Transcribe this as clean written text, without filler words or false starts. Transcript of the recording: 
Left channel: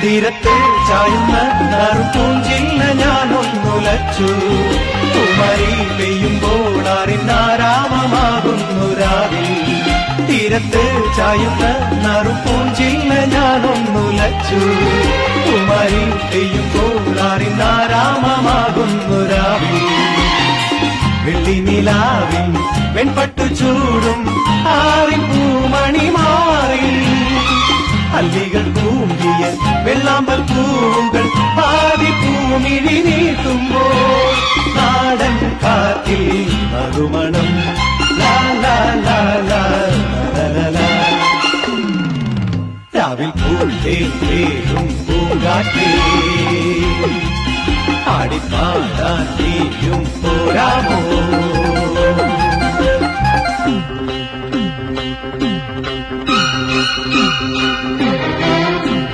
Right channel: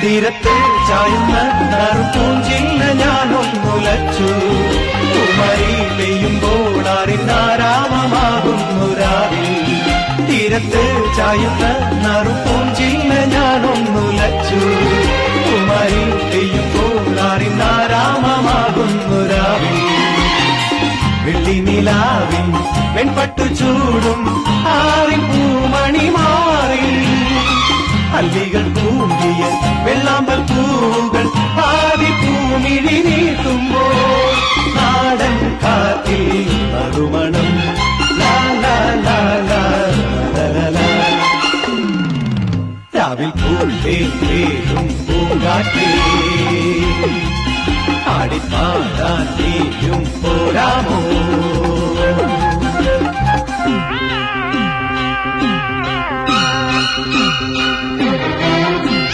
തീരത്തെ ചായുന്ന നറുപൂഞ്ചില്ല ഞാനൊന്നുലച്ചു കുമരി പെയ്യുമ്പോൾ അറിഞ്ഞാരാമമാകുന്നു രാവി തീരത്തെ ചായുന്ന നറുപൂഞ്ചില്ല ഞാനൊന്നുലച്ചു കുമരി പെയ്യുമ്പോൾ അറിഞ്ഞാരാമമാകുന്നു രാവി ഉള്ളിനിലാവിൻ വെൺപട്ടു ചൂടും ആരി പൂമണി മാറി അല്ലികൾ പൂന്തിയ വെള്ളാമ്പൽ പൂവുകൾ ആരി പൂനിഴി നീട്ടുമ്പോൾ നാടൻ കാറ്റിൽ നറുമണം കാവിൽ പൂന്തേരും പൂങ്കാറ്റേ ആടിപ്പാടാൻ നീയും പോരാമോ Thank you.